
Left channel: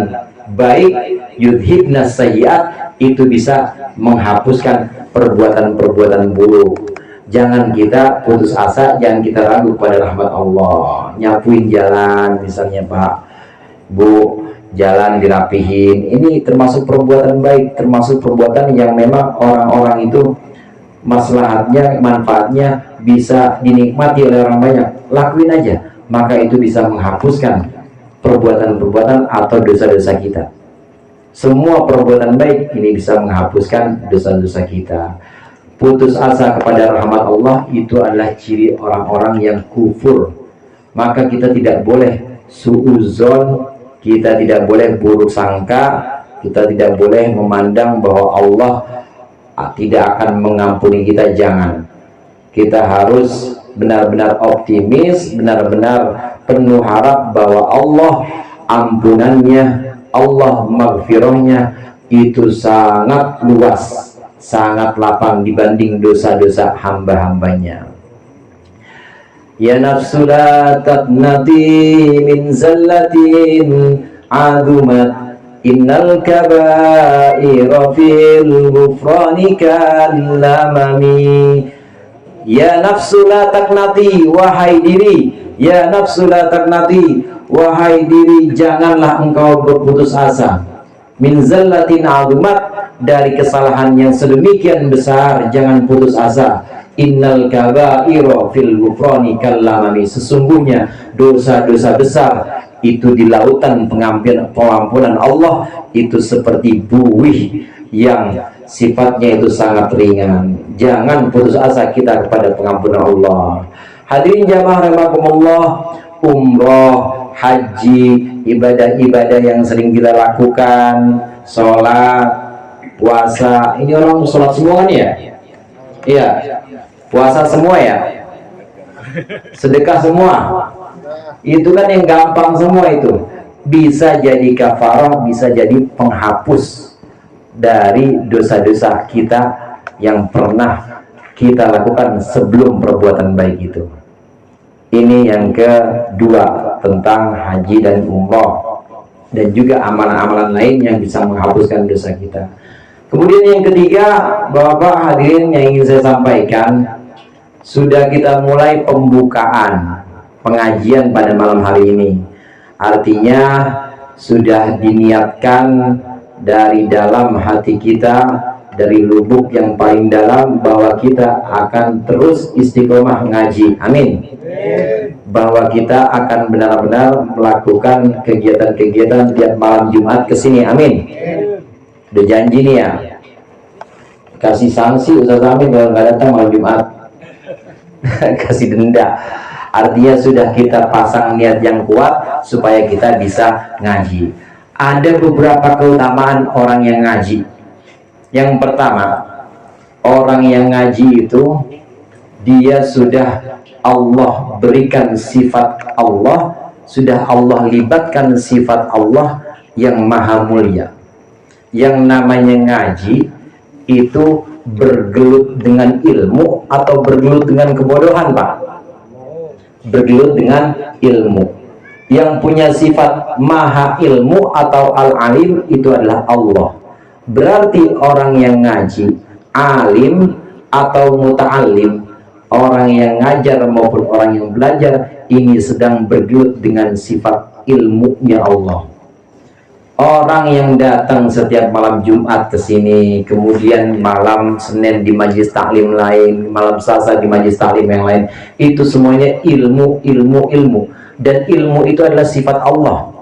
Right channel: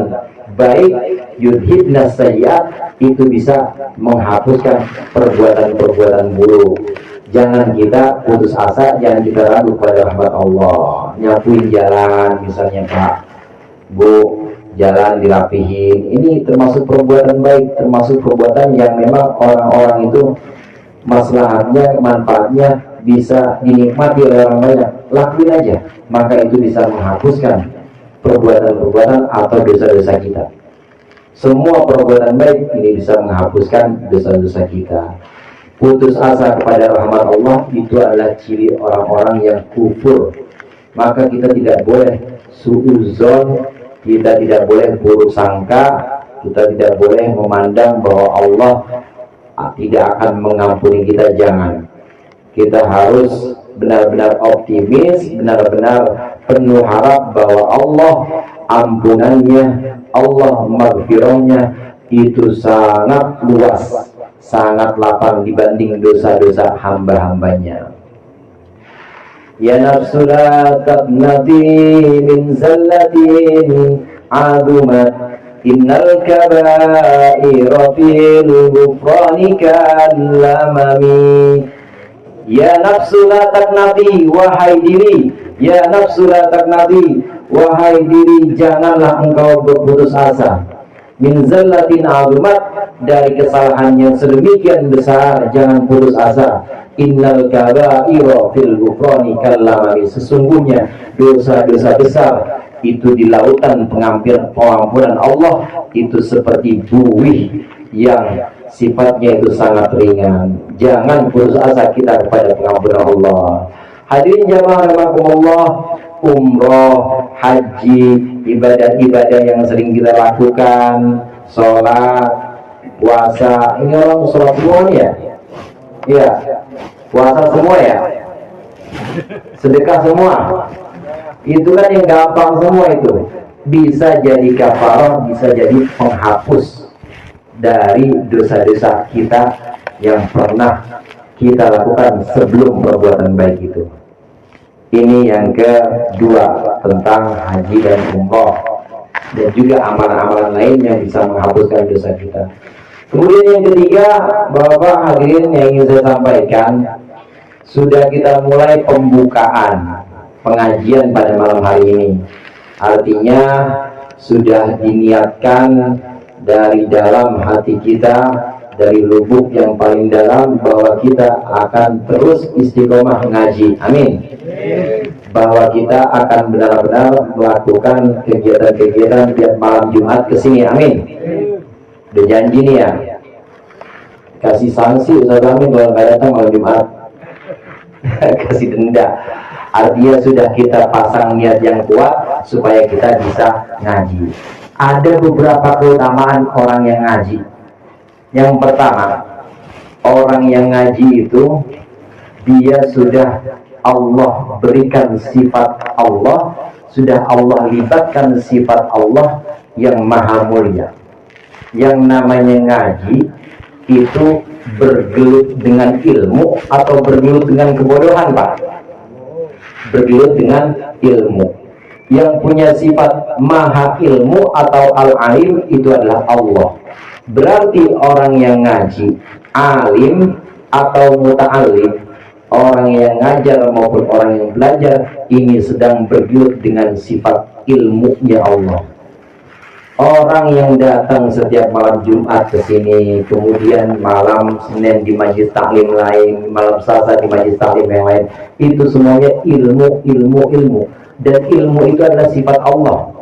baik yudhibnas sayyiat itu bisa menghapuskan perbuatan-perbuatan buruk. Jangan kita putus asa, jangan kita ragu pada rahmat Allah. Nyapuin jalan misalnya Pak, Bu, jalan dirapihin, ini termasuk perbuatan baik, termasuk perbuatan yang memang orang-orang itu maslahatnya, manfaatnya bisa dinikmati oleh orang banyak. Lakuin aja, maka itu bisa menghapuskan perbuatan-perbuatan atau dosa-dosa kita. Semua perbuatan baik ini bisa menghapuskan dosa-dosa kita. Putus asa kepada rahmat Allah itu adalah ciri orang-orang yang kufur. Maka kita tidak boleh suudzon, kita tidak boleh buruk sangka, kita tidak boleh memandang bahwa Allah tidak akan mengampuni kita. Jangan. Kita harus benar-benar optimis, benar-benar penuh harap bahwa Allah ampunannya, Allah maghfirahnya itu sangat luas, sangat lapang dibanding dosa-dosa hamba-hambanya. Ya nafsu la taqnati min zallatin adumat, innal kaba'ira fil ghufrani kallamami. Ya nafsu la taqnati, wahai diri, ya nafsu la taqnati, wahai diri, janganlah engkau berputus asa. Min zallatin adumat, dari kesalahan yang sedemikian besar, jangan putus asa. Innal kaba'ira fil ghufrani kallamami, sesungguhnya dosa-dosa besar itu di lautan pengampunan Allah itu seperti buih yang sifatnya itu sangat ringan. Jangan putus asa kita kepada pengampunan Allah. Hadirin jamaah rahimakumullah, umroh, haji, ibadah-ibadah yang sering kita lakukan, sholat, puasa, ini orang sholat semua nih ya? Iya, puasa semua ya? Sedekah semua? Itu kan yang gampang semua itu. Bisa jadi kafarah, bisa jadi penghapus dari dosa-dosa kita yang pernah kita lakukan sebelum perbuatan baik itu. Ini yang kedua tentang haji dan umroh, dan juga amalan-amalan lain yang bisa menghapuskan dosa kita. Kemudian yang ketiga, Bapak hadirin yang ingin saya sampaikan, sudah kita mulai pembukaan pengajian pada malam hari ini. Artinya sudah diniatkan dari dalam hati kita, dari lubuk yang paling dalam, bahwa kita akan terus istiqomah mengaji. Amin. Bahwa kita akan benar-benar melakukan kegiatan-kegiatan tiap malam Jumat ke sini. Amin. Udah janji nih ya. Kasih sanksi Ustaz Amin kalau nggak datang malam Jumat. Kasih denda. Artinya sudah kita pasang niat yang kuat supaya kita bisa ngaji. Ada beberapa keutamaan orang yang ngaji. Yang pertama, orang yang ngaji itu dia sudah Allah berikan sifat Allah, sudah Allah libatkan sifat Allah yang maha mulia. Yang namanya ngaji itu bergelut dengan ilmu atau bergelut dengan kebodohan, Pak? Bergelut dengan ilmu. Yang punya sifat maha ilmu atau al-alim itu adalah Allah. Berarti orang yang ngaji, alim atau muta'alim, orang yang ngajar maupun orang yang belajar, ini sedang bergelut dengan sifat ilmunya Allah. Orang yang datang setiap malam Jumat ke sini, kemudian malam Senin di majelis taklim lain, malam Selasa di majelis taklim yang lain, itu semuanya ilmu. Dan ilmu itu adalah sifat Allah.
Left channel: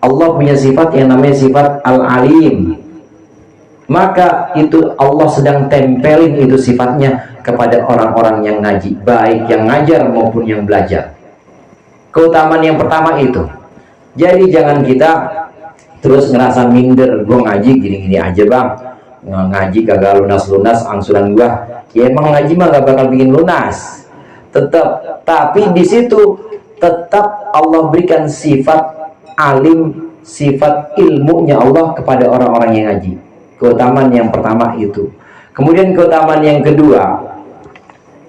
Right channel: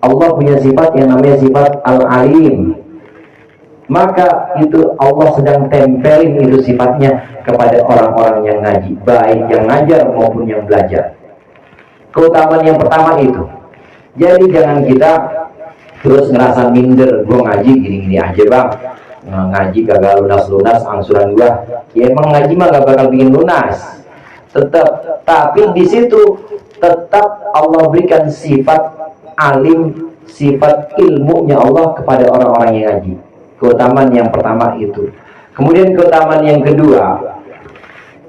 Allah punya sifat yang namanya sifat al-alim. Maka itu Allah sedang tempelin itu sifatnya kepada orang-orang yang ngaji, baik yang ngajar maupun yang belajar. Keutamaan yang pertama itu. Jadi jangan kita terus ngerasa minder, gue ngaji gini-gini aja bang, ngaji kagak lunas-lunas angsuran gua. Ya emang ngaji mah gak bakal bikin lunas. Tetap, tapi di situ tetap Allah berikan sifat alim, sifat ilmunya Allah kepada orang-orang yang ngaji. Keutamaan yang pertama itu. Kemudian keutamaan yang kedua,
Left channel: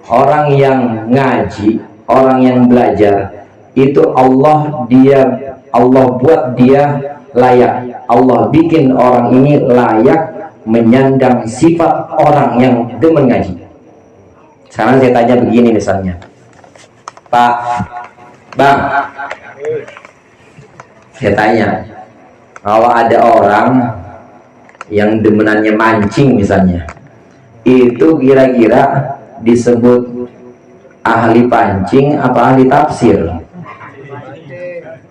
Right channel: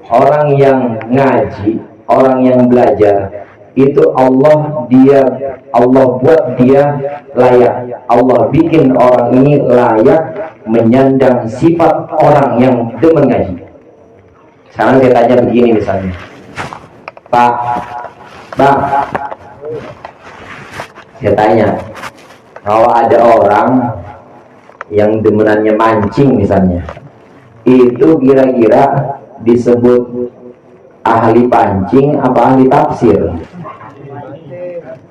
orang yang ngaji, orang yang belajar, itu Allah buat dia layak. Allah bikin orang ini layak menyandang sifat orang yang demen ngaji. Sekarang saya tanya begini misalnya, Pak, Bang, saya tanya, kalau ada orang yang demenannya mancing misalnya, itu kira-kira disebut ahli pancing apa ahli tafsir?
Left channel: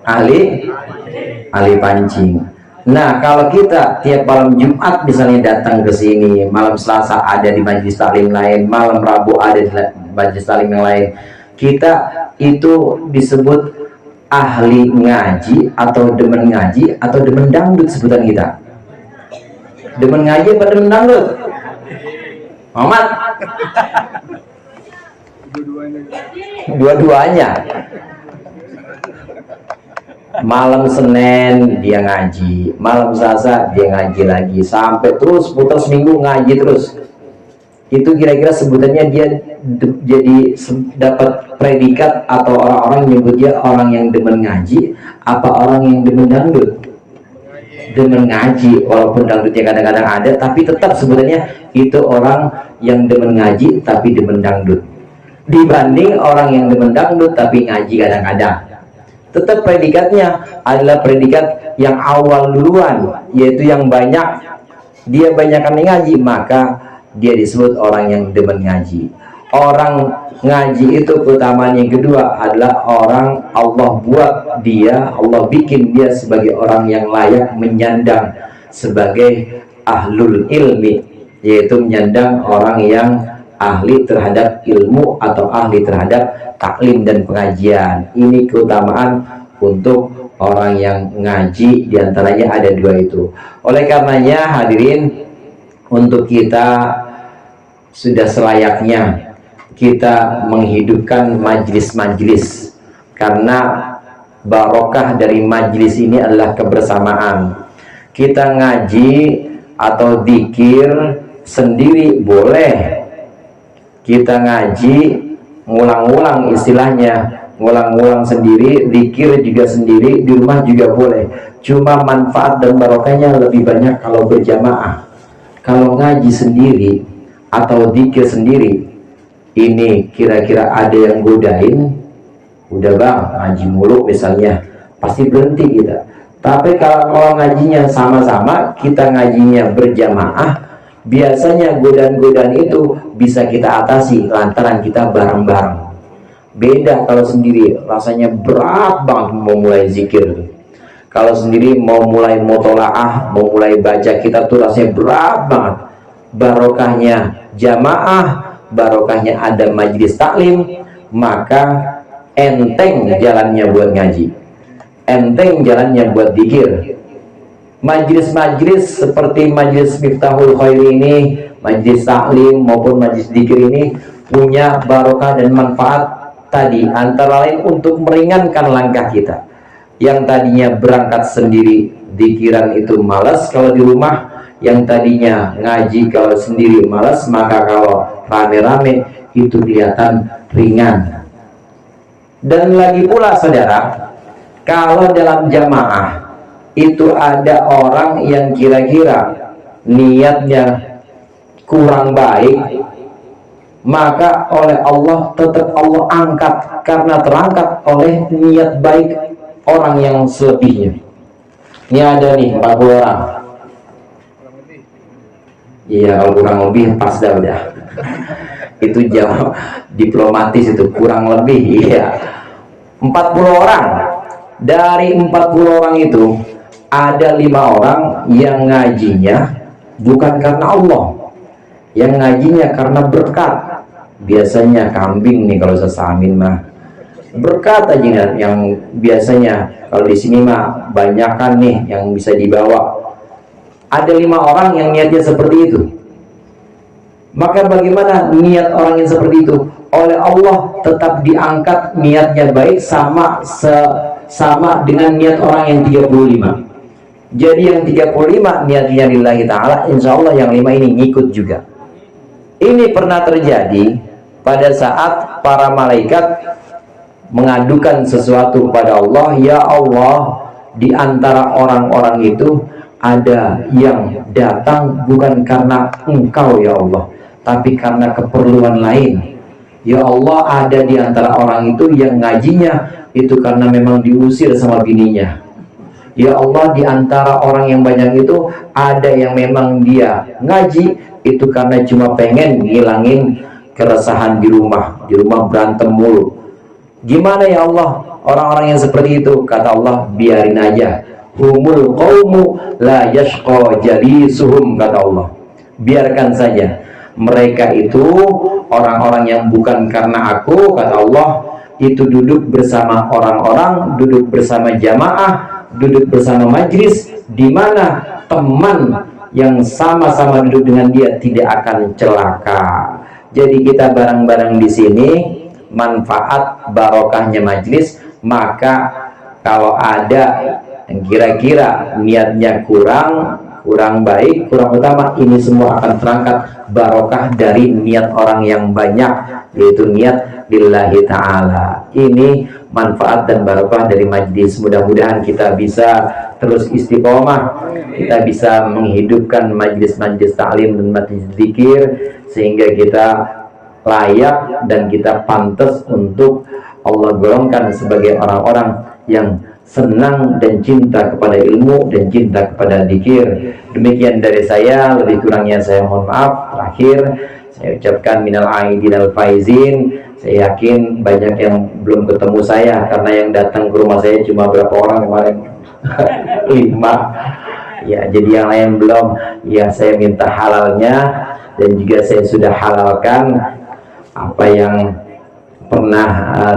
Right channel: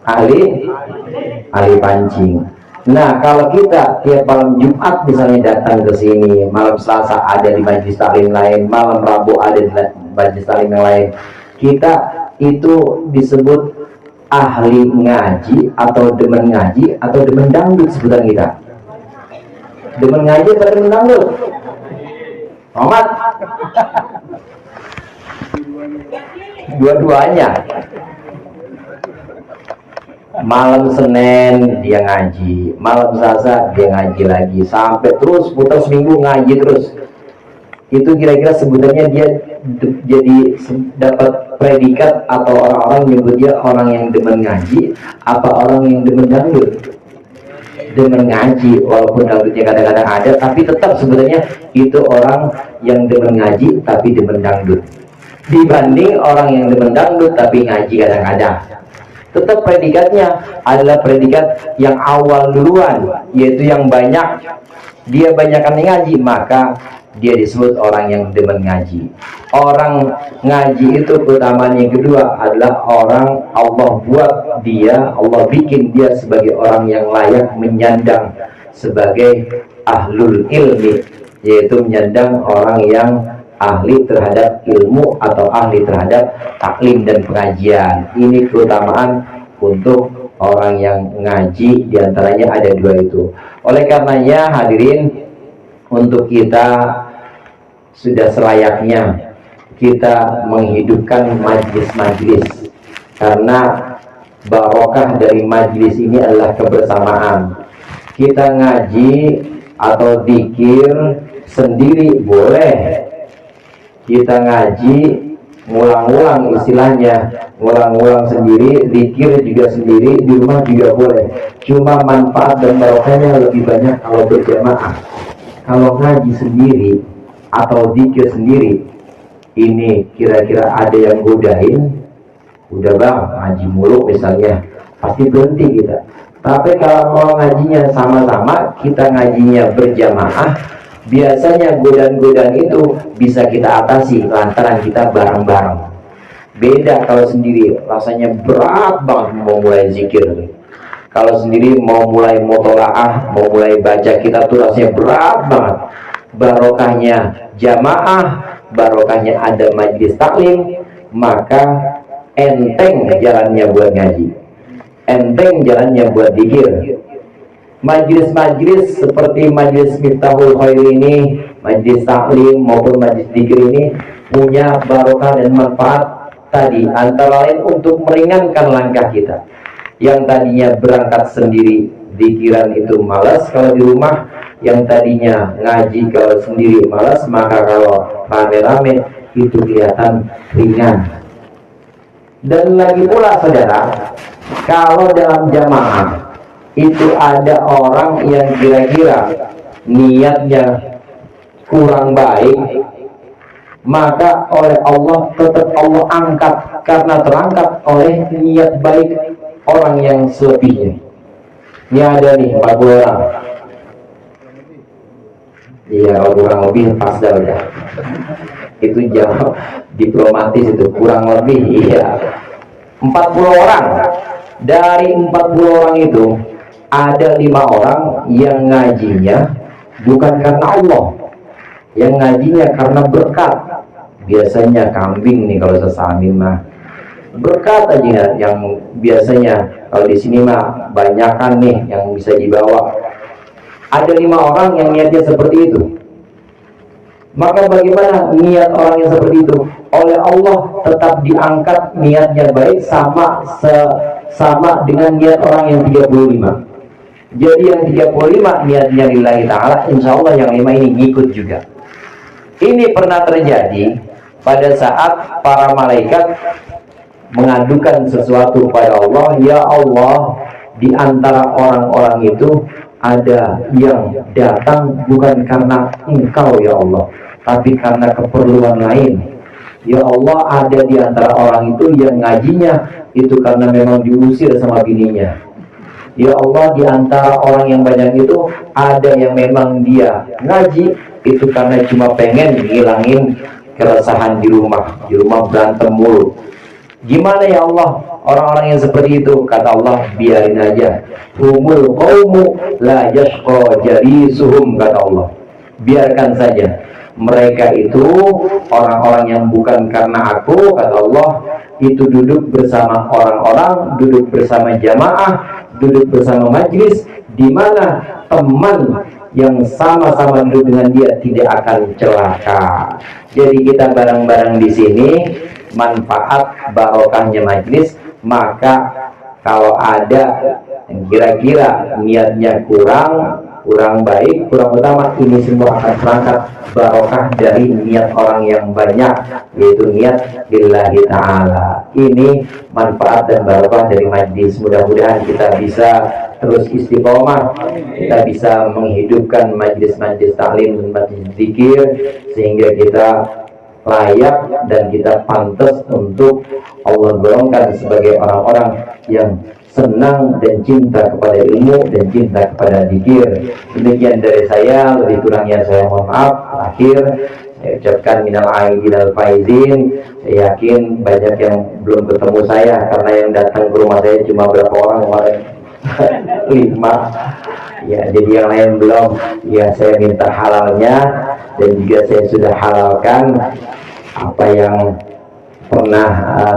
Ahli pancing. Nah, kalau kita tiap malam Jumat misalnya datang ke sini, malam Selasa ada di majelis taklim lain, malam Rabu ada di majelis taklim yang lain, kita itu disebut ahli ngaji atau demen ngaji atau demen dangdut sebutan kita. Demen ngaji apa demen dangdut? Muhammad? Dua-duanya. Malam Senin dia ngaji, malam Selasa dia ngaji lagi, sampai terus putar seminggu ngaji terus. Itu kira-kira sebutannya dia jadi dapat predikat atau orang-orang nyebut dia orang yang demen ngaji apa orang yang demen dangdut? Demen ngaji, walaupun dangdutnya kadang-kadang ada, tapi tetap sebenarnya itu orang yang demen ngaji tapi demen dangdut, dibanding orang yang demen dangdut tapi ngaji kadang-kadang. Tetap predikatnya adalah predikat yang awal duluan, yaitu yang banyak, dia banyakkan ngaji, maka dia disebut orang yang demen ngaji. Orang ngaji itu keutamaan yang kedua adalah orang Allah buat dia, Allah bikin dia sebagai orang yang layak menyandang sebagai ahlul ilmi, yaitu menyandang orang yang ahli terhadap ilmu atau ahli terhadap taklim dan pengajian. Ini keutamaan untuk orang yang ngaji, diantaranya ada dua itu. Oleh karenanya hadirin, untuk kita sudah selayaknya kita menghidupkan majlis-majlis, karena barokah dari majlis ini adalah kebersamaan. Kita ngaji atau dzikir sendiri boleh, kita ngaji ngulang-ngulang, istilahnya ngulang-ngulang sendiri, dzikir juga sendiri, di rumah juga boleh. Cuma manfaat dan barokahnya lebih banyak kalau berjamaah. Kalau ngaji sendiri atau dzikir sendiri, ini kira-kira ada yang godain, udah bang ngaji mulu misalnya, pasti berhenti kita. Tapi kalau mau ngajinya sama-sama, kita ngajinya berjamaah, biasanya godaan-godaan itu bisa kita atasi lantaran kita bareng-bareng. Beda kalau sendiri, rasanya berat banget mau mulai zikir. Kalau sendiri mau mulai mutolaah, mau mulai baca kitab tuh rasanya berat banget. Barokahnya jamaah, barokahnya ada majlis taklim, maka enteng jalannya buat ngaji, enteng jalannya buat dzikir. Majlis-majlis seperti majlis Miftahul Khair ini, majlis taklim maupun majlis dzikir ini punya barokah dan manfaat tadi, antara lain untuk meringankan langkah kita. Yang tadinya berangkat sendiri dzikiran itu malas kalau di rumah, yang tadinya ngaji kalau sendiri malas, maka kalau rame-rame itu kelihatan ringan. Dan lagi pula saudara, kalau dalam jamaah itu ada orang yang kira-kira niatnya kurang baik, maka oleh Allah tetap Allah angkat, karena terangkat oleh niat baik orang yang selebihnya. Ini ada nih 40 orang. Iya, kalau kurang lebih pas dah udah. Itu jawab diplomatis itu, kurang lebih iya. 40 orang. Dari 40 orang itu ada 5 orang yang ngajinya bukan karena Allah, yang ngajinya karena berkat. Biasanya kambing nih kalau sesamin mah berkat aja, yang biasanya kalau di sini mah banyakan nih yang bisa dibawa. Ada 5 orang yang niatnya seperti itu. Maka bagaimana niat orang yang seperti itu? Oleh Allah tetap diangkat niatnya baik, sama dengan niat orang yang 35. Jadi yang 35 niatnya lillahi ta'ala, insya Allah yang 5 ini ngikut juga. Ini pernah terjadi pada saat para malaikat mengadukan sesuatu pada Allah. Ya Allah, di antara orang-orang itu ada yang datang bukan karena Engkau ya Allah, tapi karena keperluan lain. Ya Allah, ada di antara orang itu yang ngajinya itu karena memang diusir sama bininya. Ya Allah, di antara orang yang banyak itu ada yang memang dia ngaji itu karena cuma pengen ngilangin keresahan di rumah berantem mulu. Gimana ya Allah orang-orang yang seperti itu? Kata Allah, biarin aja. Humul qaumu la yashqa jalisuhum, kata Allah. Biarkan saja. Mereka itu orang-orang yang bukan karena aku, kata Allah, itu duduk bersama orang-orang, duduk bersama jamaah, duduk bersama majlis, di mana teman yang sama-sama duduk dengan dia tidak akan celaka. Jadi kita bareng-bareng di sini, manfaat barokahnya majlis. Maka kalau ada yang kira-kira niatnya kurang baik, kurang utama, ini semua akan terangkat barokah dari niat orang yang banyak, yaitu niat lillahi ta'ala. Ini manfaat dan barokah dari majlis. Mudah-mudahan kita bisa terus istiqomah, kita bisa menghidupkan majlis-majlis taklim dan majlis zikir, sehingga kita layak dan kita pantas untuk Allah golongkan sebagai orang-orang yang senang dan cinta kepada ilmu dan cinta kepada zikir. Demikian dari saya, lebih kurangnya saya mohon maaf. Terakhir saya ucapkan minal aidin wal faizin. Saya yakin banyak yang belum ketemu saya, karena yang datang ke rumah saya cuma berapa orang kemarin? 5. Ya, jadi yang lain belum. Ya, saya minta halalnya dan juga saya sudah halalkan apa yang pernah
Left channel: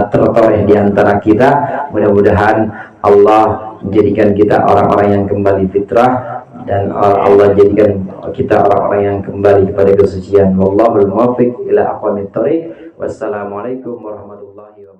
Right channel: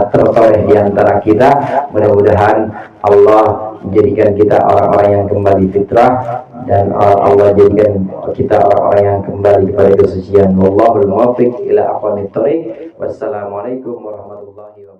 tertoreh di antara kita. Mudah-mudahan Allah menjadikan kita orang-orang yang kembali fitrah, dan Allah jadikan kita orang-orang yang kembali kepada kesucian. Wallahul muwaffiq ila aqwamit thoriq. Wassalamualaikum warahmatullahi wabarakatuh.